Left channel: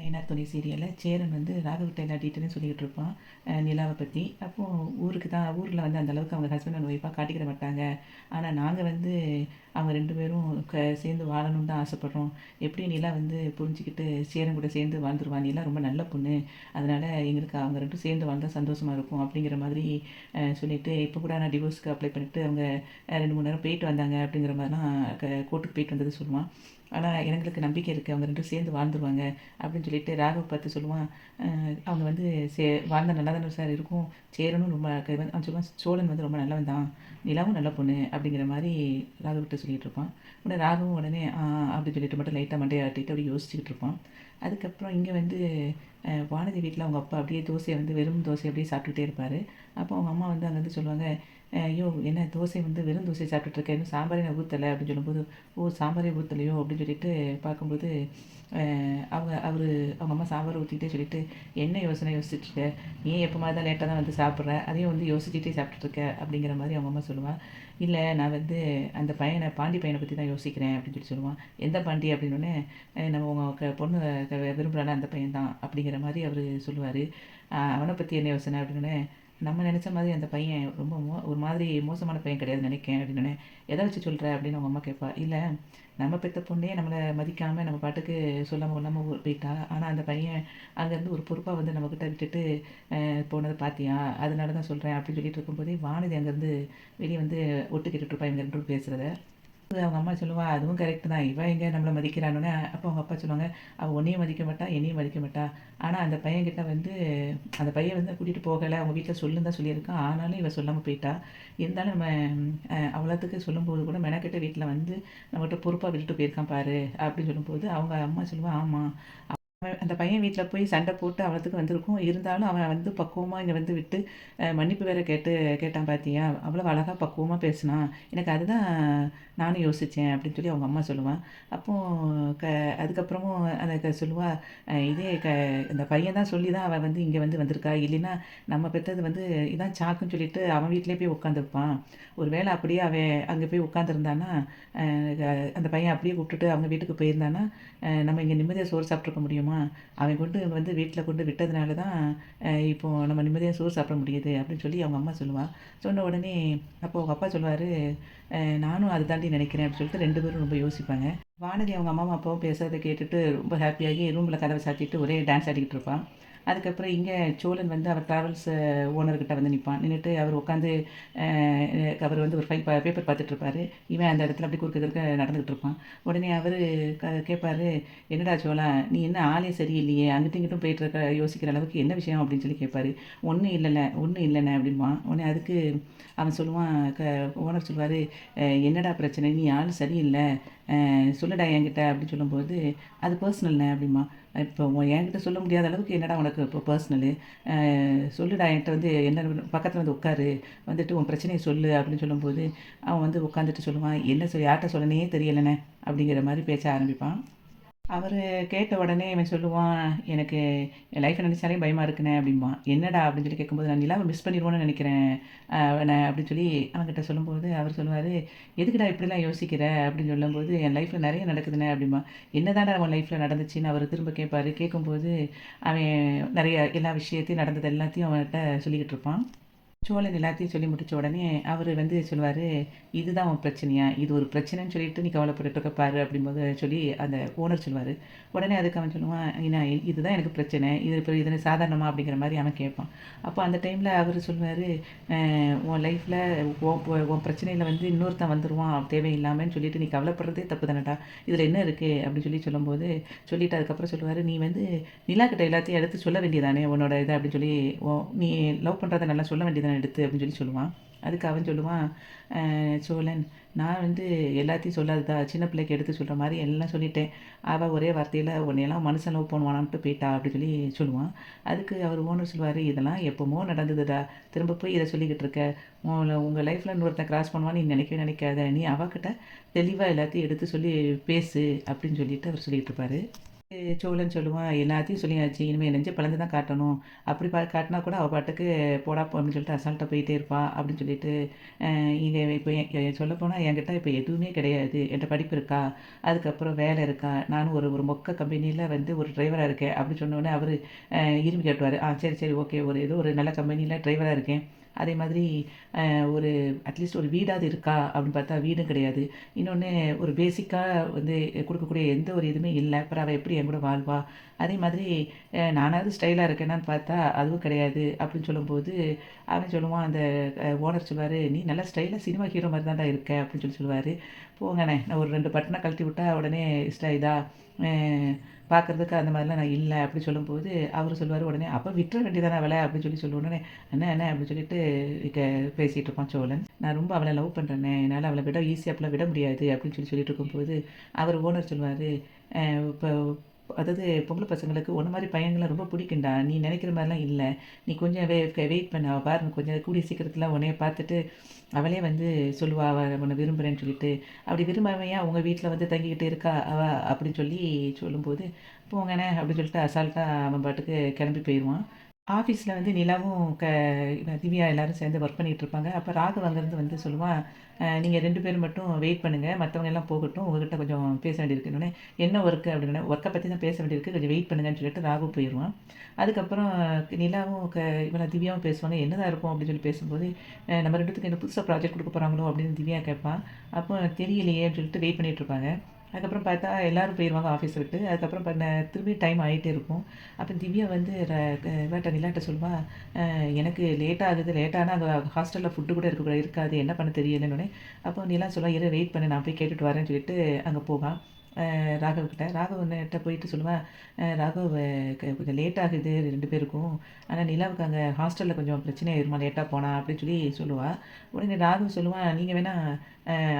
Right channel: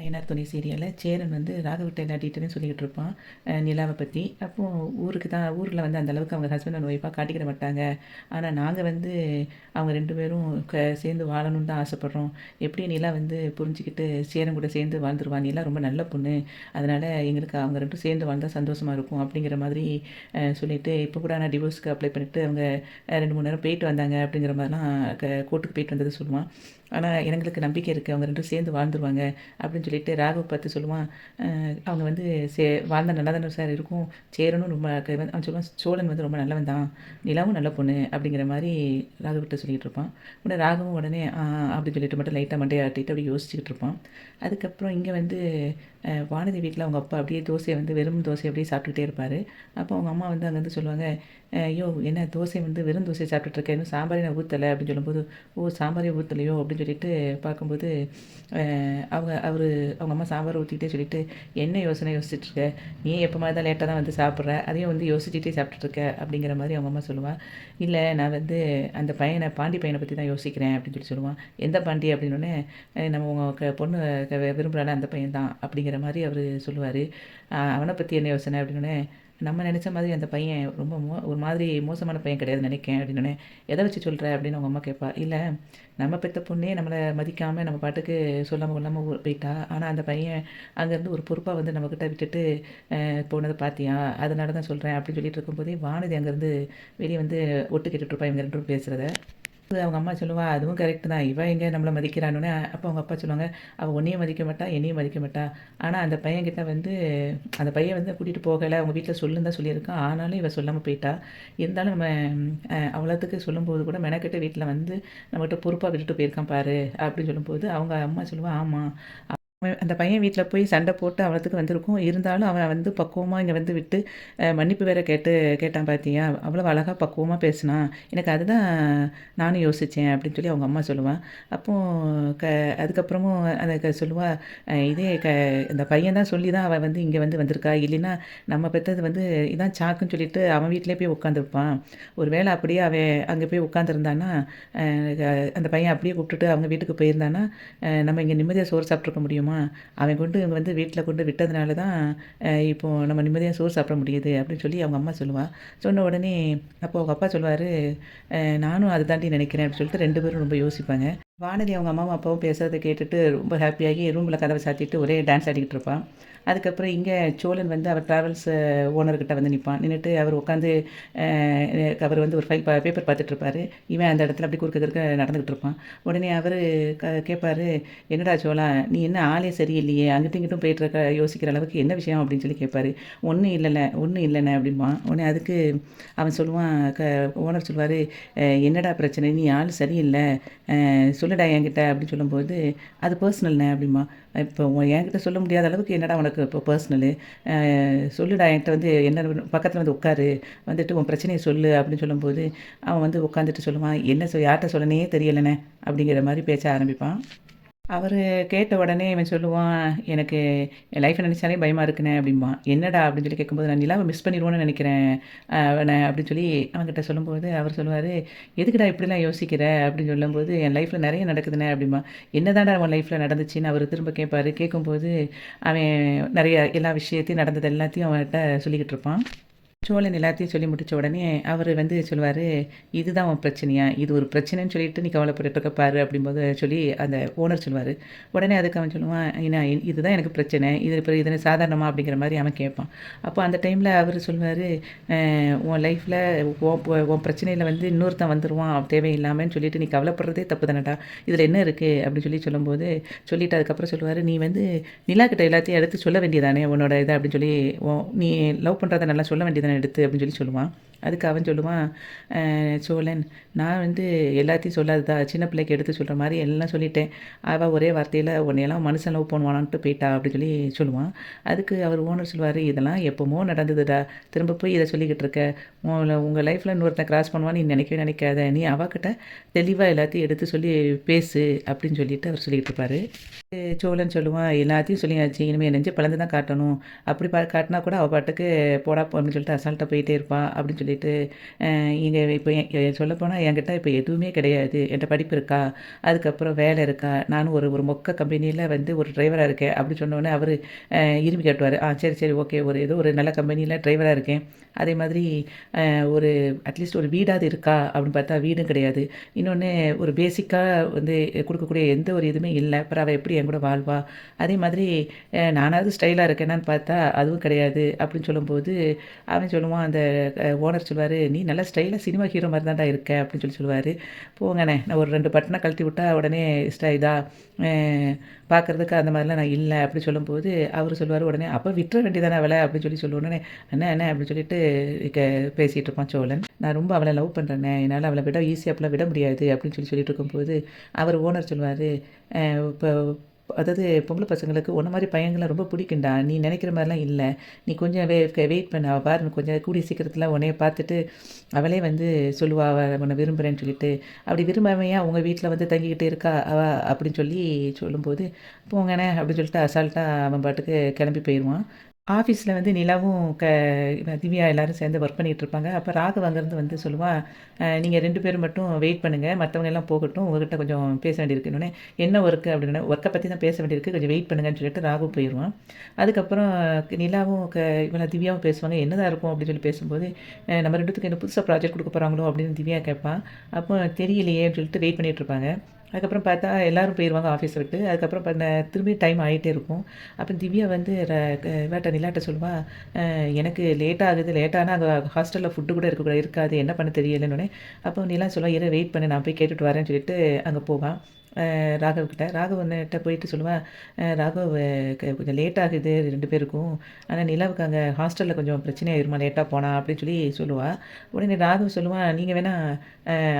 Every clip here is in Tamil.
ஐயனார் துணை சீரியலில் சேரன் வந்து ராகவிட்ட எல்லா டீட்டெயிலும் சொல்லிக்கிட்டு இருப்பான் நிலாவை பற்றி. அப்போது ஊரில் வந்து அந்தளவுக்கு அவங்க ஹஸ்பண்ட் அண்ட் ஒய்ஃபாக காட்டிக்கிட மாட்டாங்க. ஆனால் நாங்கள் வந்து அவங்க 2 பேரும் சேர்ந்து வாழணும்னு தான் ஆசைப்பட்றோம். எப்படி நிலா வந்து புரிஞ்சுக்கிட்டு சேரன் கூட சேர்ந்து வாழ்ந்துருவா. நிலா ரொம்ப நல்ல பொண்ணு. அதனால் எங்களுக்கு அவங்க 2 சேர்ந்து வாழ்ந்தா சந்தோஷமாக இருக்கும் அப்படிங்கிற மாதிரி சொல்லிவிட்டு இப்போ கூட ஆனால் டிவோர்ஸ்க்கு அப்ளை பண்ணிவிட்டு அவங்க 2 3 நேரம் போயிட்டு வந்தாங்க அப்படிங்கிற மாதிரிலாம் கோர்ட்டுக்கு போயிட்டு வந்தது சொல்லுவான். ஆனால் எங்களுக்கு நம்பிக்கை இருக்குது அவங்க 2 சேர்ந்து வாழ்ந்துருவாங்க அப்படின்னு சொல்லிட்டு ராகவ் பார்த்து சொல்லுவான். அவங்க வந்து வாழ்ந்தா நல்லா தானே சார் இருக்கும். சேரனும் ரொம்ப அவன் சொல்லுவான், சோழன் வந்து ரொம்ப நல்லவன் தான், நிலாவும் நல்ல பொண்ணு அப்படிங்கிற மாதிரி ராகவ்கிட்ட சொல்லிகிட்டு இருப்பான். உடனே ராகவும் உடனே அப்படின்னு சொல்லிட்டு மட்டும் லைட்டாக மண்டையை ஆட்டிட்டு அப்படியே யோசிச்சுக்கிட்டு இருப்பான். அதுக்கப்புறம் இங்கே வந்து வானதி வீட்டில் அவங்க அப்பா அப்படியே தோசையை வந்து வெறும் தோசை அப்படியே சாப்பிட்டுட்டே இருப்பார். அப்போ அவங்க அம்மா வந்து அங்கேருந்து சொல்லுவாங்க, ஐயோ என்ன தோசை வந்து வெறும் தோசை சாப்பிட்டுட்ருக்கேன், இன்னும் சாம்பாரே நான் ஊற்றலை அப்படின்னு சொல்லும்போது, ஓ சாம்பாரே ஊற்றலையோ அப்படின்னு சொல்லிட்டு பார்க்கும்போது அவங்க அம்மா சாம்பார் ஊற்றிக்கிட்டே சொல்லிட்டு, என்ன யோசனை யோசிச்சுட்ருக்க, நீ எப்போ மாதிரி தான் லேட்டாக தான் வந்து சாப்பிட்ற, அதையும் வந்து யோசிச்சுட்டே சாப்பிட்டுட்ருக்க அப்படிங்கிற மாதிரி அவங்க அம்மா சொல்லுவாள். இல்லை நான் வந்து அந்த பாண்டி பையனை பற்றி தான் யோசிக்கிறேன் அப்படின்னு சொல்லி சொல்லுவான். எந்த பாண்டி அப்படின்னோடனே, நம்ம உங்கள் பொண்ணு விரும்புகிறால அந்த பையன் தான் அப்படிங்கிற மாதிரி அவர் சொல்லுவார். அவனை பற்றி என்ன யோசனை அப்படின்னோடனே, நம்ம நினச்ச மாதிரி அந்த பையன் ரொம்ப ஒரு மாதிரி மோசமான பையன் கிடையாதுன்னு நினைக்கேன் அப்படின்னோடனே, எதை வச்சு சொல்கிற அப்படின்னு அவங்க அம்மா கேட்பா. இல்லை நம்ம பெற்ற பொண்ணே நம்மளை மதிக்காமல் நம்ம பாட்டுக்கு சொல்லாமல் கொள்ளாமல் போயிட்டா. ஆனால் அந்த பையன் அங்கேருந்து ஒரு பொறுப்பாக வந்து நம்மக்கிட்ட விட்டுட்டு போனதை பார்த்தியா, அதனால தான் சொல்கிறேன் அப்படின்னு சொல்லிட்டு இருக்கும்போதே வானதி அங்கேருந்து வெளியே வந்து ஒட்டு கேட்டுட்ருப்பா இவங்க 2 பேரும் பேசுகிறத. அவங்க அம்மா சொல்லுவா, அதுவும் கரெக்டு தான், இவன் எங்கே நம்மளை மதிக்கிறானோன்னே. அப்போ அவங்க அப்பா சொல்லுவாங்க, அவள் உன்னையும் மதிக்க மாட்டா, என்னையும் மதிக்க மாட்டா. ஆனால் அந்த பையன்கிட்ட வந்து அந்த பையன் வந்து கூட்டிகிட்டு போகலை, அவங்க வீட்டில் சொல்லுன்னு தான் சொல்லியிருக்கான். ஆனாலும் இவன் சொல்லாமல் போயிட்டா. இருந்தாலும் நம்ம அவ்வளோத்துக்கு சொல்லும்போது கூட மெனக்கெட்ட வீட்டில் வந்து நம்மகிட்ட பொறுப்பாக விட்டுட்டு போயிருக்கான் பாரு அப்படின்னு சொல்லும்போது அவங்க அம்மா சொல்லுவா, ஆமாம் அந்த பையன் வீட்டில் போய் சண்டை போட்டு அவளத்துக்கு வந்திருக்கும். இருந்தாலும் அவன் வந்து பக்குவமாக இங்கே வந்து விட்டு மன்னிப்பு வேற கேட்டான் பார்த்தியா, அவ்வளோ அழகாக பக்குவமாக பேசினான். எனக்கு அதுதான் நானும் யோசித்தேன் அப்படின்னு சொல்லி அவங்க அம்மா சொல்லுவாள். அப்போது அதுக்கப்புறமும் அதை சொல்லுவாள், இதே இந்த பையன் தான் சொல்லி தான் அவள் வந்து இங்கே வந்திருக்கா. இல்லைன்னா நம்ம பெற்றது வந்து இதான் சாக்குன்னு சொல்லிட்டு அவன் வீட்டிலே போய் உட்காந்துருப்பான். ஒரு வேளை அப்படியே அவன் அங்கே போய் உட்காந்துருந்தானா, அந்த பையன் அப்படியே கூப்பிட்டுட்டு அவங்க வீட்டுக்கு போயிருந்தானா, நம்ம இங்கே நிம்மதியாக சோறு சாப்பிட்ருக்க முடியுமா? அவன் கொண்டு இவங்க வந்து வீட்டில் கொண்டு விட்டதுனால தான் இப்போது நம்ம நிம்மதியாக சோறு சாப்பிட முடியுது அப்படின்னு சொல்லி அவங்க அம்மா சொல்லுவாள். சொன்ன உடனே அப்போ அவங்க அப்பா சொல்லுவார், நானும் அதை தாண்டி நினைக்கிறேன் அப்படின்னு சொல்லிட்டு 2 பேரும் ரொம்ப யோசிப்பாங்க. வானதி அவங்க அம்மாவும் அப்பாவும் பேசுகிறத கேட்டுட்டு ரொம்ப ஹாப்பியாகி ரூமில் கதவை சாத்திட்டு ஒரே டான்ஸ் ஆடிக்கிட்டு இருப்பான். அதுக்கப்புறம் இங்கே சோழன் வந்து அவர் ட்ராவல்ஸ் ஓனர்கிட்ட வந்து நிற்பான். நின்றுட்டு அவர் உட்காந்து அவர் வந்து ஒரு பேப்பர் பார்த்துட்ருப்பார். இவன் அந்த இடத்துல அப்படி குறுக்க நடந்துக்கிட்டு இருப்பான். உடனே அவர் கேட்பார், என்னடா சோழா, நீ என்ன ஆளே சரியில்லையே, அங்கிட்டும் இங்கிட்டும் போயிட்டுருக்க, யோசிக்கிற அளவுக்கு என்ன விஷயம் அப்படின்னு சொல்லி கேட்பார். ஒன்றும் இல்லைண்ணே அப்படிம்பான். உடனே அதுக்கு அவன் சொல்லுவான், ஓனர் சொல்லுவார், என்னடா பிரச்சனை, நீ ஆள் சரியில்லை, சொல்லுடா என்கிட்ட அப்படின்னு சொல்லும்போது, அது பர்சனல்ண்ணே அப்படிம்பான். இப்போ என்கிட்ட சொல்ல முடியாத அளவுக்கு என்னடா உனக்கு இப்போ பர்சனலு, சொல்லுடா என்கிட்ட வந்து என்ன பக்கத்தில் வந்து உட்காரு, வந்துட்டு உன் பிரச்சனையை சொல்லு அப்படின்னு சொல்லும்போது அவன் வந்து உட்காந்துட்டு சொல்லுவான், என்ன யார்கிட்ட சொல்லனே தெரியலண்ணே அப்படிங்கிற மாதிரி பேச ஆரம்பிப்பான். அவர் கேட்ட உடனே இவன் சொல்லுவான், எனக்கு என் லைஃப்பை நினச்சாலே பயமாக இருக்குண்ணே அப்படிம்பான். என்னடா அப்படின்னு சொல்லி கேட்கும்போது, நான் நிலாவை மிஸ் பண்ணிடுவோன்னு நினைக்கிறேன் நான் அப்படின்னு சொல்லி அவன்கிட்ட சொல்லும்போது அவர் சொல்லுவார், எதுக்குடா இப்படிலாம் யோசிக்கிற அப்படின்னு சொல்லும்போது, என் லைஃப்பில் நிறைய நடக்குதுண்ணே அப்படிம்பான். என்னதான்டா அவன் லைஃப்பில் நடந்துச்சுன்னு அவர் திரும்ப கேட்பார். கேட்கும்போது அவன் நிறைய எல்லா விஷயத்தையும் நடந்தது எல்லாத்தையும் அவன்கிட்ட சொல்லிக்கிட்டு இருப்பான். சோழன் எல்லாத்தையும் சொல்லி முடித்த உடனே அவர் வந்து சொல்லுவார், இதுதான் உன் பிரச்சனையா, இது ஒரு பிரச்சனைன்னு சொல்லிட்டு நீ கவலைப்பட்டுருக்க பாரு அப்படிம்போது சொல்லி அந்த ஓனர் சொல்லுவார். உடனே அதுக்கு அவன் சொல்லுவான், ஏன்னா இதுதான் எனக்கு பிரச்சனை, இது இப்போ இது சாதாரணமா அப்படிங்கிற மாதிரி அவன் கேட்பான். அப்போ அந்த டைமில் அவர் சொல்லுவார், உன் லைஃப்பில் உன் பிரச்சனையில் வந்து இன்னொருத்தன் வந்துடுவான் தேவையில்லாமன்னு சொல்லிட்டு நீ கவலைப்படுறதே தப்பு தானடா, இதில் என்ன இருக்குது அப்படின்னு சொல்லும்போது சொல்லிவிட்டு அதுக்கப்புறம் சொல்லுவார், நீ வந்து நிலாக்கிட்ட எல்லாத்தையும் எடுத்து சொல்ல வேண்டியதானே உன்னோட இதை அப்படின்னு சொல்லி, நீ லவ் பண்ணுறதை நல்லா சொல்ல வேண்டியதானே எடுத்து அப்படின்னு சொல்லுவான். அதுக்கு அவன் சொல்லுவான், சோழன், நான் வந்து எல்லாத்தையும் சொல்லாததா, சின்ன பிள்ளைக்கு எடுத்து சொல்கிற மாதிரி எல்லாம் சொல்லிட்டேன், அவள் ஒரே வார்த்தையில் உன்னையெல்லாம் மனுஷன் லவ் பண்ணுவானான்ட்டு போயிட்டா அப்படின்னு சொல்லி சொல்லுவான். அதுக்கு அவர் ஓனர் சொல்லுவார், இதெல்லாம் எப்போமோ நடந்ததுடா, திரும்ப போய் இதை சொல்லிக்கிட்டு இருக்க, உங்கள் லைஃப்பில் இன்னொருத்தன் கிராஸ் பண்ணுவான்னு நீ நினைக்கவே நினைக்காத, நீ அவகிட்ட தெளிவா எல்லாத்தையும் எடுத்து சொல்லி பேசு அப்படின்னு சொல்லிட்டு அவர் சொல்லிட்டு இருப்பாரு. சோழன் சொல்லுவான், எல்லாத்தையும் சொல்லியாச்சு. இனிமே நெஞ்ச பிளந்து தான் காட்டணும். அப்படி காட்டினா கூட அவ பாட்டுக்கு போடா போ அப்படின்னு சொல்லிட்டு அசால்ட்டா போயிட்டே இருப்பா. அப்படின்னு சொல்லிட்டு, இங்க இப்ப சொல்லப்போனா என்கிட்ட இப்ப எதுவுமே கிடையாது. என்ட்ட படிப்பு இருக்கா? அதுக்கப்புறம் வேலை இருக்கா? நானும் ஒரு ஒரு மொக்க கம்பெனியில வந்து ஒரு டிரைவரா இருக்கேன். அப்படி சொன்னோனே அவரு இரும்பி காட்டுவாரு. சரி, சரி, ஓகே. ஏதோ ஒரு நல்ல கம்பெனியில டிரைவரா இருக்கேன். அதே மாதிரி ஒரு அட்லீஸ்ட் ஒரு வீடாவது இருக்கா? அப்படின்னு பார்த்தா வீடும் கிடையாது. இன்னொன்னு ஒரு பேசிக்கா வந்து குடுக்கக்கூடிய எந்த ஒரு இதுவுமே இல்ல. அப்புறம் அவ எப்படி என்கூட வாழ்வா? அதே மாதிரி நானாவது ஸ்டைலா இருக்கேனான்னு பார்த்தா, அதுவும் கிடையாது. அப்படின்னு சொல்லும்போது, அவன் சொல்லுவான் அந்த ஓனர் சொல்லுவாரு, "நீ நல்லா ஸ்டைலா சினிமா ஹீரோ மாரி தான்டா இருக்க." அப்படின்னு சொல்லுவாரு. போங்கண்ணே, நான் ஒரு 2 பட்டன கழட்டி விட்டா உடனே இதா அ பார்க்கறதுக்கு அந்த மாதிரிலாம் நான் இல்ல. அப்படி சொல்லும்போது, அவரு சொல்லுவாரு உடனே, "அப்ப விட்டுற வேண்டியதானே அவள." அப்படின்னு சொல்ல உடனே, "அண்ணே, அண்ணே" அப்படின்னு சொல்லிட்டு க பேசிட்டு இருப்பான் சோழன். "நான் ரொம்ப அவள லவ் பண்றேண்ணே. என்னால அவள ஈஸியா அப்பலாம் விட முடியாது." அப்படின்னு சொல்லிட்டு இருக்கும்போது, அவர் ஓனர் சொல்லுவாரு, இப்போ அதாவது பொம்பள பசங்களுக்கு உன்ன மாரி பையன்கள ரொம்ப பிடிக்கும்டா. நீ நெனைக்கிற மாரிலாம் இல்ல. நீ கொஞ்சம் வெயிட் பண்ணு. அவ பாரு கொஞ்சம் கூடிய சீக்கிரத்தில உன்னைய பார்த்துட்டு அவளே வந்து சொல்லுவா, அவ உன்ன விரும்புறேன்னு சொல்லிட்டு. அப்படி விரும்பாம ஏன் உங்க வீட்ல வந்து தங்கிக்கிட்டு இருக்கா அவ அப்படின்னு சொல்லும்போது, போங்கண்ணே அப்படின்னு சொல்லிட்டு அசால்ட்டா அவன் பாட்டுக்கு கிளம்பி போயிருவான். ஆஃபீஸ்ல வந்து நிலாவும் திவ்யா எல்லாரும் சேர்ந்து ஒர்க் பண்ணிட்டு இருப்பாங்க. அப்ப ராகவ் அங்கேருந்து வந்து சொல்லுவான், நீங்க 2 பேரும் மட்டும் வெயிட் பண்ணுங்க. மத்தவங்க எல்லாம் போகட்டும். உங்ககிட்ட கொஞ்சம் பேச வேண்டியிருக்குன்னோனே, என்ன ஒர்க்கு அப்படின்னோனே, ஒர்க்க பத்தி தான் பேச வேண்டியிருக்கு. கொஞ்சம் வெயிட் பண்ணுங்கன்னு சொல்லிட்டு ராகவ் போயிருவான். அதுக்கப்புறம் நிலாவும் இவள திவ்யாவும் பேசுவாங்க. என்னதான் இருக்கும் அப்படின்னு சொல்லி பேசும்போது, நம்ம 2 பேத்துக்கும் என்ன புதுசா ப்ராஜெக்ட் குடுக்க போறாங்களோ அப்படின்னு திவ்யா கேட்பா. அப்போ தெரியலையே அப்படின்னு சொல்லிட்டு வெயிட் பண்ணிட்டு இருப்பாங்க. அதுக்கப்புறம் பார்த்தா எல்லாரும் போயிருவாங்க ஆஃபீஸ விட்டு. அதுக்கப்புறம் திரும்பி டைம் ஆயிட்டே இருக்கும். அப்ப திவ்யா வந்து இவட்ட நிலாட்ட சொல்லுவா, எனக்கு லேட் ஆகுது. லேட் ஆனா அங்க ஹாஸ்டல்ல ஃபுட் கூட இருக்காது. என்ன பண்ண தெரியலன்னோனே, அப்போ நிலா சொல்லுவா, "இரு வெயிட் பண்ணு. நான் போய் கேட்டுட்டு வரேன்னு" சொல்லிட்டு அங்க போவா. ராகவ் கிட்ட. ராகவ் வந்துட்ட போயிட்டு சொல்லுவா, ராகவ் கொஞ்சம் லேட் ஆகுது 2 பேருக்கும். ஆனா நிலாவுக்கு அங்க ஹாஸ்டல்ல கொஞ்சம் பிரச்சனை ஆயிருமா லேட்டா போனா அப்படின்னு சொல்லுவா. உடனே ராகவ் சொல்லுவான், "நீங்க வேணா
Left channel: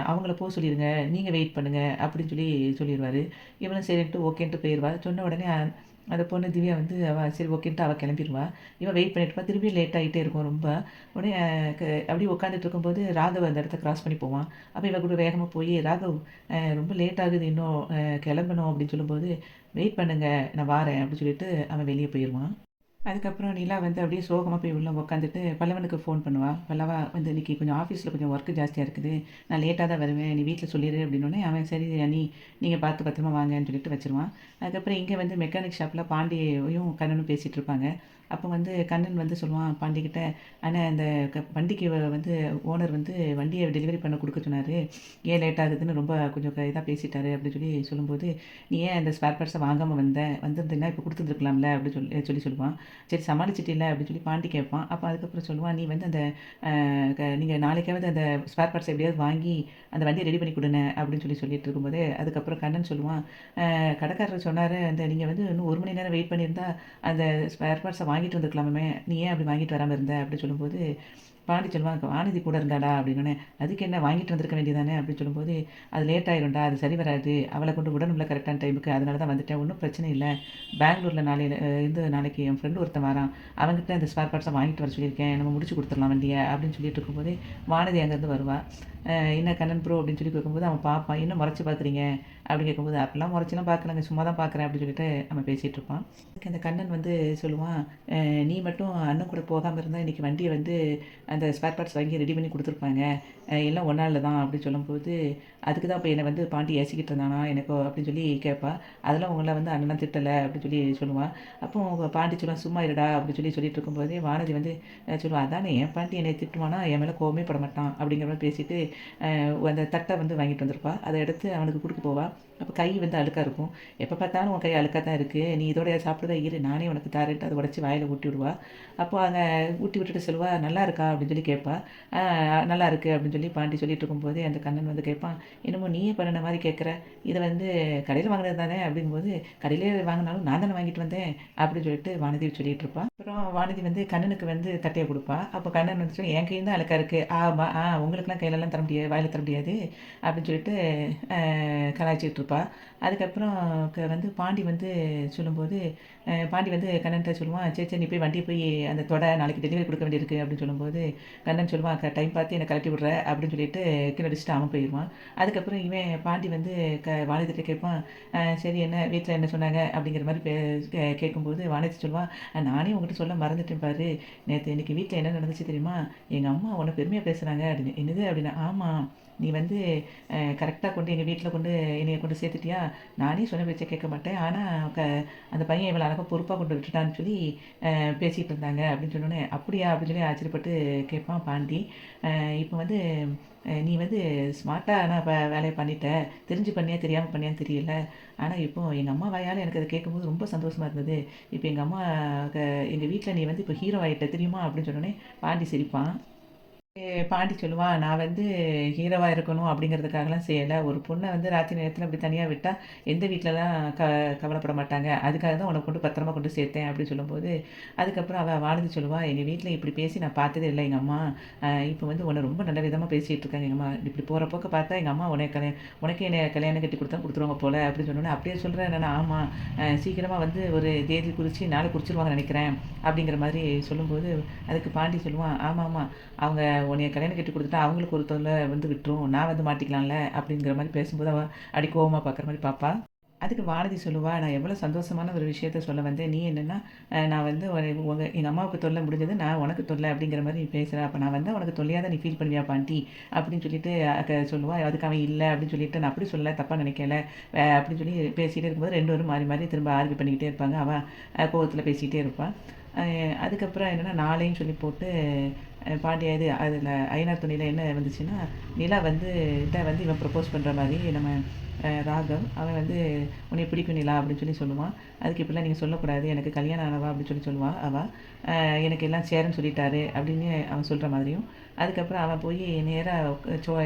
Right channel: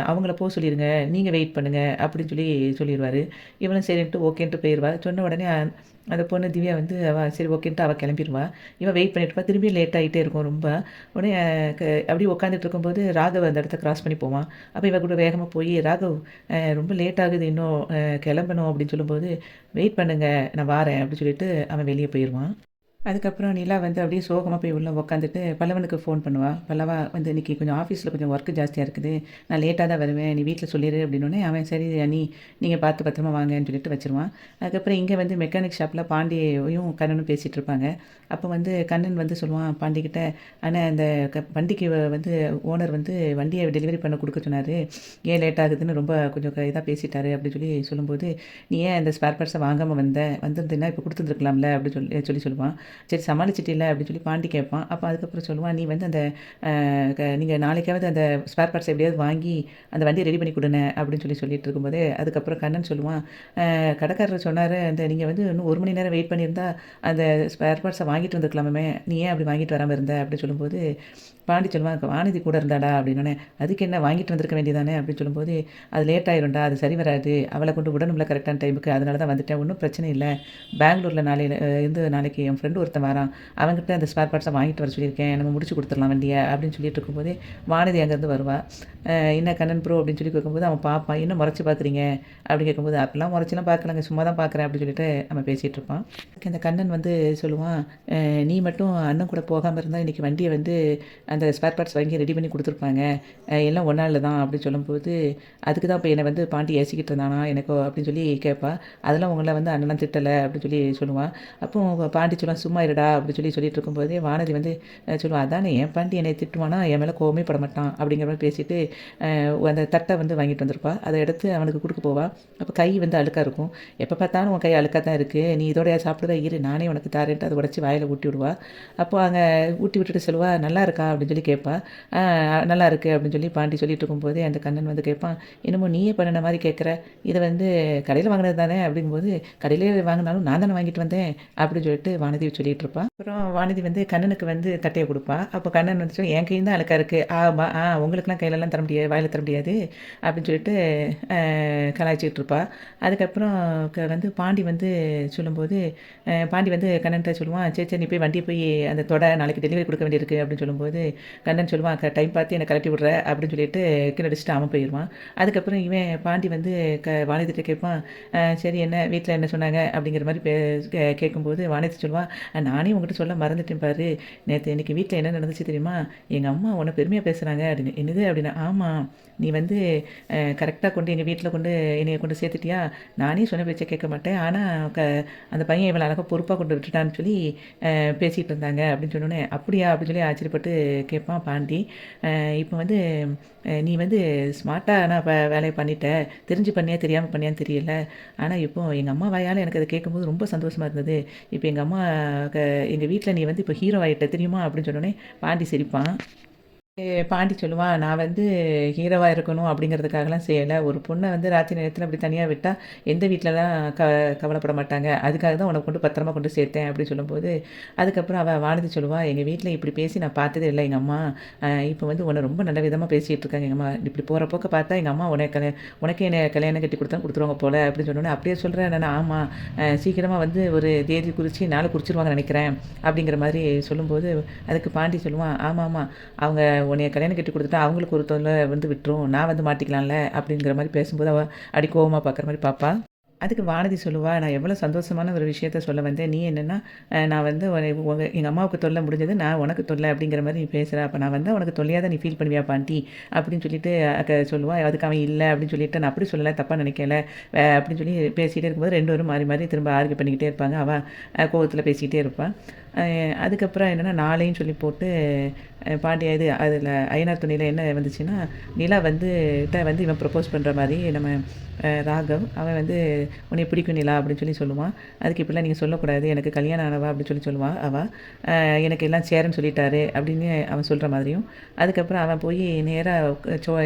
அவங்கள சொல்லிருங்க. நீங்க வெயிட் பண்ணுங்க." அப்படின்னு சொல்லிருவாரு. இவளும் சரின்ட்டு ஓகேன்ட்டு போயிருவா. சொன்ன உடனே அந்த பொண்ணு திவ்யா வந்து சரி ஓகேன்ட்டு அவ கிளம்பிருவா. இவ வெயிட் பண்ணிட்டு இருப்பா. திரும்பியும் லேட் ஆயிட்டே இருக்கும் ரொம்ப. உடனே அப்படியே உட்காந்துட்டு இருக்கும்போது ராகவ் அந்த இடத்த கிராஸ் பண்ணி போவான். அப்ப இவ கூட வேகமா போய், "ராகவ் ரொம்ப லேட் ஆகுது இன்னும் கிளம்பணும்." அப்படின்னு சொல்லும்போது, "வெயிட் பண்ணுங்க. நான் வாரேன்." அப்படின்னு சொல்லிட்டு அவன் வெளிய போயிருவான். அதுக்கப்புறம் நிலா வந்து அப்படியே சோகமா போய் உள்ள உட்காந்துட்டு பல்லவனுக்கு ஃபோன் பண்ணுவா. பல்லவா வந்து இன்னைக்கு கொஞ்சம் ஆஃபீஸில் கொஞ்சம் ஒர்க் ஜாஸ்தியா இருக்குது. நான் லேட்டா தான் வருவேன். நீ வீட்ல சொல்லிரு அப்படின்னோனே, அவன் சரி அண்ணி நீங்க பார்த்து பத்திரமா வாங்கன்னு சொல்லிட்டு வச்சுருவான். அதுக்கப்புறம் இங்க வந்து மெக்கானிக் ஷாப்ல பாண்டியும் கண்ணனும் பேசிட்டு இருப்பாங்க. அப்போ வந்து கண்ணன் வந்து சொல்லுவான் பாண்டிகிட்ட, "அண்ணா இந்த வண்டிக்கு வந்து ஓனர் வந்து வண்டிய டெலிவரி பண்ண குடுக்க சொன்னாரு. ஏன் லேட் ஆகுதுன்னு ரொம்ப கொஞ்சம் இதா பேசிட்டாரு." அப்படின்னு சொல்லும்போது, "நீ ஏன் இந்த ஸ்பேர் பார்ட்ஸ வாங்காம வந்த? வந்திருந்தீன்னா இப்ப குடுத்துருந்துருக்கலாம்ல." அப்படி சொல்லுவான். சரி சமாளிச்சிட்டில்ல அப்படின்னு சொல்லி பாண்டி கேட்பான். அப்போ அதுக்கப்புறம் சொல்லுவான், "நீ வந்து அந்த நீங்க நாளைக்காவது அந்த ஸ்பேர் பார்ட்ஸ் எப்படியாவது வாங்கி அந்த வண்டிய ரெடி பண்ணி குடுண்ணே" அப்படின்னு சொல்லிட்டு இருக்கும்போதே, அதுக்கப்புறம் கண்ணன் சொல்லுவான், கடைக்காரர் சொன்னாரு, நீங்க வந்து இன்னும் 1 மணி நேரம் வெயிட் பண்ணியிருந்தா அந்த ஸ்பேர் பார்ட்ஸ வாங்கிட்டு வந்துருக்கலாமே. நீ ஏன் அப்படி வாங்கிட்டு வராம இருந்த?" அப்படின்னு சொல்லும்போது, பாண்டி சொல்லுவான், "வானதி கூட இருந்தாடா" அப்படின்னோனே, "அதுக்கு என்ன வாங்கிட்டு வந்திருக்க வேண்டியதானே?" அப்படின்னு சொல்லும்போது, "அது லேட் ஆயிரும்டா. அது சரி வராது. அவள கொண்டு விடணும்ல கரெக்டான டைமுக்கு. அதனால தான் வந்துட்டேன். ஒண்ணும் பிரச்சனை இல்ல. பெங்களூர்ல நாளையில நாளைக்கு என் ஃப்ரெண்ட் ஒருத்தன் வரான். அவன்கிட்ட அந்த ஸ்பேர் பார்ட்ஸ வாங்கிட்டு வர சொல்லியிருக்கேன். நம்ம முடிச்சு குடுத்துரலாம் வண்டிய." அப்படின்னு சொல்லிட்டு இருக்கும்போதே, வானதி அங்கேருந்து வருவா. "என்ன கண்ணன் ப்ரோ" அப்படின்னு கேட்கும்போது, அவன் பார்ப்பான். "என்ன முறைச்சு பார்க்குறீங்க?" அப்படி கேட்கும்போது, "அப்படிலாம் முறைச்சுலாம் பார்க்கலங்க. சும்மா தான் பார்க்குறேன்." அப்படின்னு சொல்லிட்டு அவன் பேசிட்டு இருப்பான். அதுக்கு அந்த கண்ணன் வந்து சொல்லுவான், நீ மட்டும் அண்ணன் கூட போகாம இருந்தா இன்னைக்கு வண்டிய வந்து அந்த ஸ்பேர் பார்ட்ஸ் வாங்கி ரெடி பண்ணி குடுத்துருப்பாங்க. எல்லாம் ஒன்னால தான்." அப்படின்னு சொல்லும்போது, "அதுக்கு தான் இப்ப என்ன வந்து பாண்டி ஏசிக்கிட்டு இருந்தானா எனக்கு?" அப்படின்னு கேட்பா. "அதெல்லாம் உங்கள வந்து அண்ணன்லாம் திட்டல." அப்படின்னு சொல்லுவா. அப்போ பாண்டி சொல்லுவான், "சும்மா இருடா." அப்படி சொல்லிட்டு இருக்கும்போதே வானதி வந்து சொல்லுவா, "அதானே என் பாண்டி என்னை திட்டுவானா? என் மேல கோவமே பட மாட்டான்." அப்படிங்கிற மாரி பேசிட்டு அந்த தட்ட வந்து வாங்கிட்டு வந்திருப்பா. அத எடுத்து அவனுக்கு குடுக்க போவா. அப்ப கை வந்து அழுக்கா இருக்கும். "எப்ப பார்த்தாலும் உன் கை அழுக்கா தான் இருக்கு. நீ இதோடயா சாப்பிடுவ? இரு நானே உனக்கு தாரேன்ட்டு" அத உடைச்சு வாயில ஊட்டி விடுவா. அப்போ அங்க ஊட்டி விட்டுட்டு சொல்லுவா, "நல்லா இருக்கா?" அப்படின்னு கேட்பா. "ஆ நல்லா இருக்கு." அப்படின்னு பாண்டி சொல்லிட்டு இருக்கும்போதே அந்த கண்ணன் வந்து கேட்பான், "என்னமோ நீயே பண்ணுன மாரி கேட்குற. இத வந்து கடையில வாங்குனது தானே?" அப்படிங்கும்போது, "கடையிலே வாங்குனாலும் நான் தானே வாங்கிட்டு வந்தேன்." அப்படின்னு வானதி சொல்லிட்டு இருப்பா. அப்புறம் வானதி வந்து கண்ணனுக்கு வந்து தட்டைய குடுப்பா. அப்போ கண்ணன் வந்துட்டு, "என் கையும் தான் அழுக்கா இருக்கு. ஆமா, உங்களுக்கெல்லாம் கையிலலாம் தர முடியாது, வாயில தர முடியாது" அப்படின்னு சொல்லிட்டு கலாய்ச்சிக்கிட்டு இருப்பா. அதுக்கப்புறம் வந்து பாண்டி வந்து சொல்லும்போது, பாண்டி வந்து கண்ணன்ட்ட சொல்லுவான், "சரி, சரி நீ போய் வண்டிய போய் அந்த தொட, நாளைக்கு டெலிவரி குடுக்க வேண்டியிருக்கு" அப்படின்னு சொல்லும்போது, கண்ணன் சொல்லுவான், டைம் பார்த்து என்ன கழட்டி விடுற" அப்படின்னு சொல்லிட்டு கீழ அடிச்சுட்டு அவன் போயிருவான். அதுக்கப்புறம் இவன் பாண்டி வந்து வானதிட்ட கேட்பான், சரி என்ன வீட்ல என்ன சொன்னாங்க?" அப்படிங்கிற மாரி கேட்கும்போது வானதி சொல்லுவா, நானே உன்கிட்ட சொல்ல மறந்துட்டேன் பாரு. இன்னைக்கு வீட்ல என்ன நடந்துச்சு தெரியுமா? எங்க அம்மா உன்ன பெருமையா பேசுறாங்க" அப்படின்னு. "என்னது?" அப்படின்னா, "ஆமா. நீ வந்து கரெக்ட்டா கொண்டு எங்க வீட்ல கொண்டு என்னைய கொண்டு சேர்த்துட்டியா? நானே சொன்ன பேச்ச கேட்க மாட்டேன். ஆனா க அந்த பையன் இவ்வளோ அழகா பொறுப்பா கொண்டு விட்டுட்டான்னு சொல்லி பேசிட்டு இருந்தாங்க" அப்படின்னு சொன்னோனே, "அப்படியா?" அப்படின்னு சொல்லி ஆச்சரியப்பட்டு கேட்பான் பாண்டி. இப்போ வந்து நீ வந்து ஸ்மார்ட்டா ஆனா வேலைய பண்ணிட்ட. தெரிஞ்சு பண்ணியா, தெரியாம பண்ணியான்னு தெரியல. ஆனா இப்போ எங்க அம்மா வாயால எனக்கு அத கேட்கும்போது ரொம்ப சந்தோஷமா இருந்தது. இப்ப எங்க அம்மா க எங்க வீட்ல நீ வந்து இப்போ ஹீரோ ஆயிட்ட தெரியுமா? அப்படின்னு சொன்னோனே பாண்டி சிரிப்பான். பாண்டி சொல்லுவான், "நான் வந்து ஹீரோவா இருக்கணும் அப்படிங்கிறதுக்காகலாம் செய்யல. ஒரு பொண்ண வந்து ராத்திரி நேரத்தில அப்படி தனியா விட்டா, எந்த வீட்லலாம் கவலைப்பட மாட்டாங்க. அதுக்காக தான் உன்ன கொண்டு பத்திரமா கொண்டு சேர்த்தேன்" அப்படின்னு சொல்லும்போது, அதுக்கப்புறம் அவ வானதி சொல்லுவா, "எங்க வீட்ல இப்படி பேசி நான் பார்த்ததே இல்ல எங்க அம்மா. இப்போ வந்து உன்ன ரொம்ப நல்ல விதமா பேசிட்டு இருக்காங்க எங்க அம்மா. இப்படி போற போக்க பார்த்தா எங்க அம்மா உனக்கே என்னைய கல்யாணம் கட்டி குடுத்தா குடுத்துருவாங்க போல" அப்படின்னு சொன்னோனே, "அப்படியா சொல்ற?" நானு, "ஆமா. சீக்கிரமா வந்து ஒரு தேதி குறிச்சு நாள் குறிச்சிருவாங்கன்னு நெனைக்கிறேன்" அப்படிங்கிற மாரி சொல்லும்போது, அதுக்கு பாண்டி சொல்லுவான், "ஆமாமா. அவங்க உன்னைய கல்யாணம் கட்டி குடுத்துட்டா, அவங்களுக்கு ஒரு தொல்ல வந்து விட்டுரும். நான் வந்து மாட்டிக்கலாம்ல" அப்படிங்கிற மாரி பேசும்போது, அவ அப்டி கோவமா பார்க்குற மாரி பார்ப்பா. அதுக்கு வானதி சொல்லுவா, "நான் எவ்வளோ சந்தோஷமான ஒரு விஷயத்த சொல்ல வந்தேன். நீ என்னன்னா, நான் வந்து எங்க அம்மாவுக்கு தொல்ல முடிஞ்சது. நான் உனக்கு தொல்ல அப்படிங்கிற மாரி நீ பேசுற. அப்ப நான் வந்தா உனக்கு தொல்லையா தான் நீ ஃபீல் பண்ணுவியா பாட்டி?" அப்படின்னு சொல்லிட்டு சொல்லுவா. அதுக்கு அவன் இல்ல அப்படின்னு சொல்லிட்டு, "நான் அப்படி சொல்லல. தப்பா நினைக்கல." அப்படின்னு சொல்லி பேசிட்டே இருக்கும்போது 2 பேரும் மாறி மாறி திரும்ப ஆர்கியூ பண்ணிக்கிட்டே இருப்பாங்க. அவ கோவத்தில பேசிக்கிட்டே இருப்பா. அ அதுக்கப்புறம் என்னன்னா, நாளைன்னு சொல்லி போட்டு பாண்டிய இது அதில ஐயனார் துணையில என்ன வந்துச்சுன்னா, நிலா வந்து வந்து இவன் ப்ரப்போஸ் பண்ற மாரி நம்ம ராகவ் அவன் வந்து "உன்னைய பிடிக்கும் நிலா" அப்படின்னு சொல்லி சொல்லுவான். அதுக்கு இப்படிலாம் நீங்க சொல்லக்கூடாது. எனக்கு கல்யாணம் ஆனவா அப்படின்னு சொல்லி சொல்லுவா அவ. எனக்கு எல்லாம் சேரன்னு சொல்லிட்டாரு அப்படின்னு அவன் சொல்ற மாதிரியும், அதுக்கப்புறம் அவன் போய் நேரா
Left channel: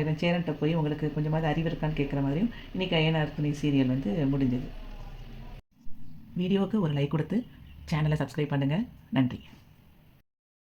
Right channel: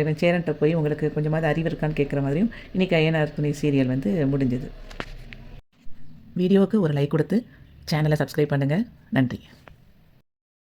இவன் சேரன்ட்ட போய் உங்களுக்கு கொஞ்சமாவது அறிவு இருக்கான்னு கேட்குற மாதிரியும், இன்னைக்கு ஐயனார் துணை சீரியல் வந்து முடிஞ்சது. வீடியோவுக்கு ஒரு லைக் குடுத்து சேனல சப்ஸ்கிரைப் பண்ணுங்க. நன்றி.